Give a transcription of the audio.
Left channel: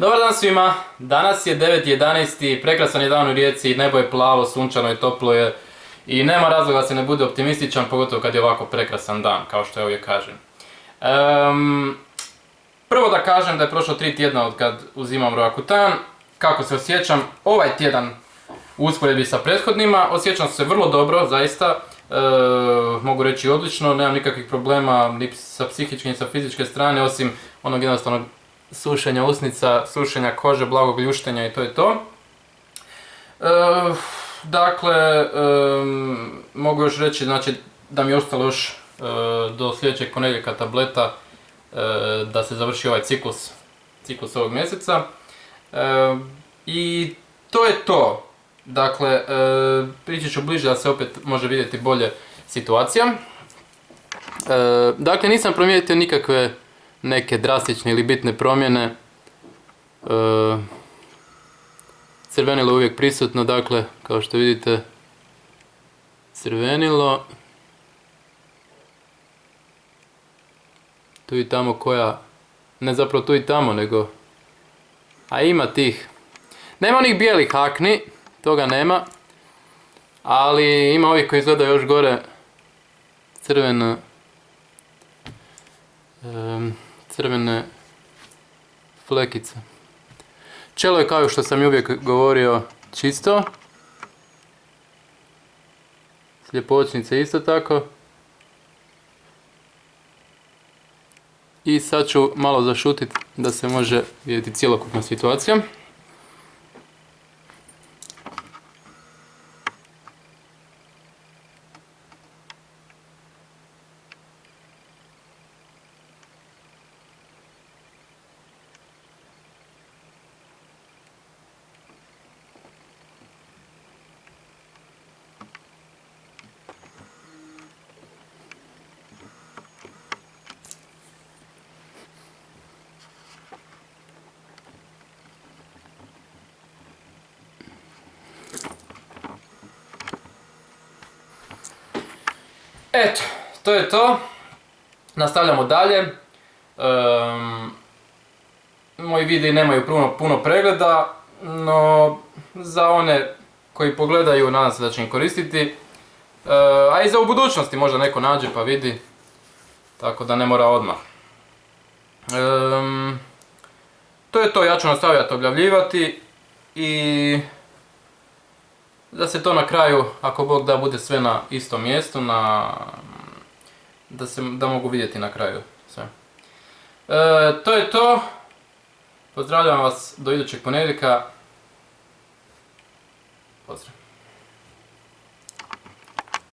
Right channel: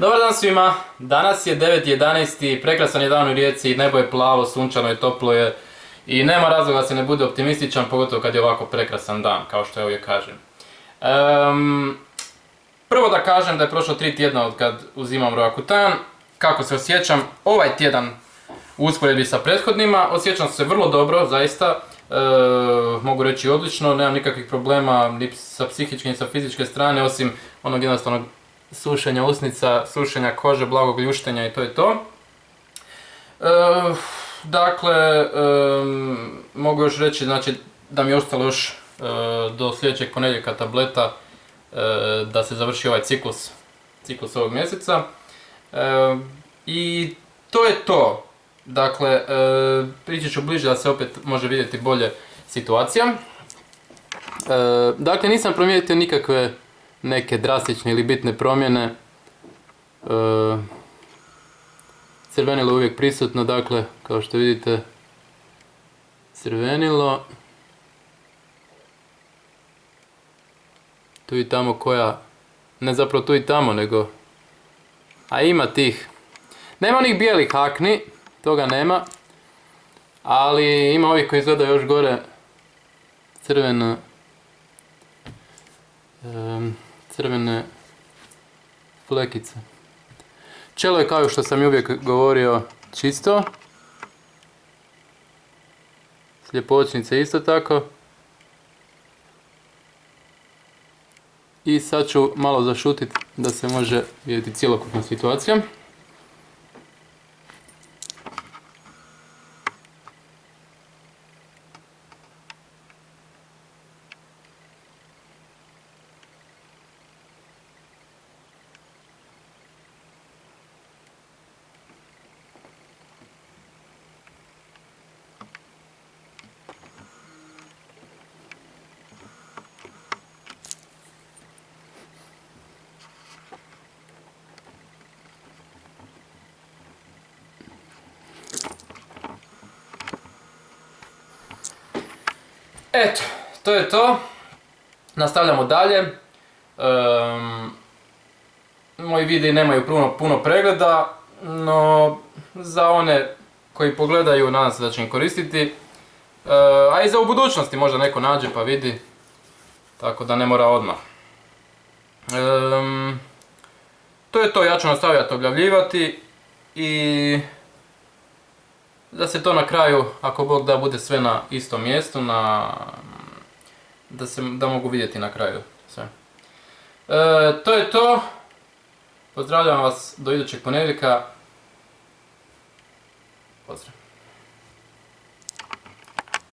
Dobar dan svima, danas je 9.11. Prekrasan je dan u Rijeci, nebo je plavo, sunčano je, toplo je i nema razloga da se ne bude optimističan, pogotovo kad je ovako prekrasan dan, kao što ja uvijek kažem. Prvo da kažem da je prošlo 3 tjedna od kad uzimam Roakutan. Kako se osjećam ovaj tjedan u usporedbi sa prethodnima? Osjećam se vrlo dobro, zaista. Mogu reći odlično, nemam nikakvih problema ni sa psihičke ni sa fizičke strane, osim onog jednostavnog sušenja usnica, sušenja kože, blagog ljuštenja i to je to. Dakle, mogu još reći znači, da mi je ostalo još do sljedećeg ponedjeljka tableta da se završi ovaj ciklus ovog mjeseca. I to je to. Dakle, prići ću bliže da se opet može vidjeti bolje situacija. Dakle, nisam primijetio nikakve neke drastične ili bitne promjene. Crvenilo je uvijek prisutno, dakle, kao što vidite, crvenilo. Tu i tamo koja, ne zapravo tu i tamo, nego, a ima tih. Nema onih bijelih akni, toga nema, ali ima ovih koji izgledaju još gore, crvene flekice. Čelo je kao što sam i uvijek govorio čisto. Sljepočnice isto tako. I sad ću malo zašutiti da se može vidjeti cjelokupna situacija. Eto, to je to. Nastavljamo dalje. Moji videi nemaju puno pregleda, no za one koji pogledaju nadam se da će im koristiti. A i za u budućnosti možda neko nađe pa vidi, tako da ne mora odmah. To je to, ja ću nastavljati objavljivati i da se to na kraju, ako Bog da, bude sve na istom mjestu, da mogu vidjeti na kraju sve. To je to. Pozdravljam vas do idućeg ponedjeljka. Pozdrav.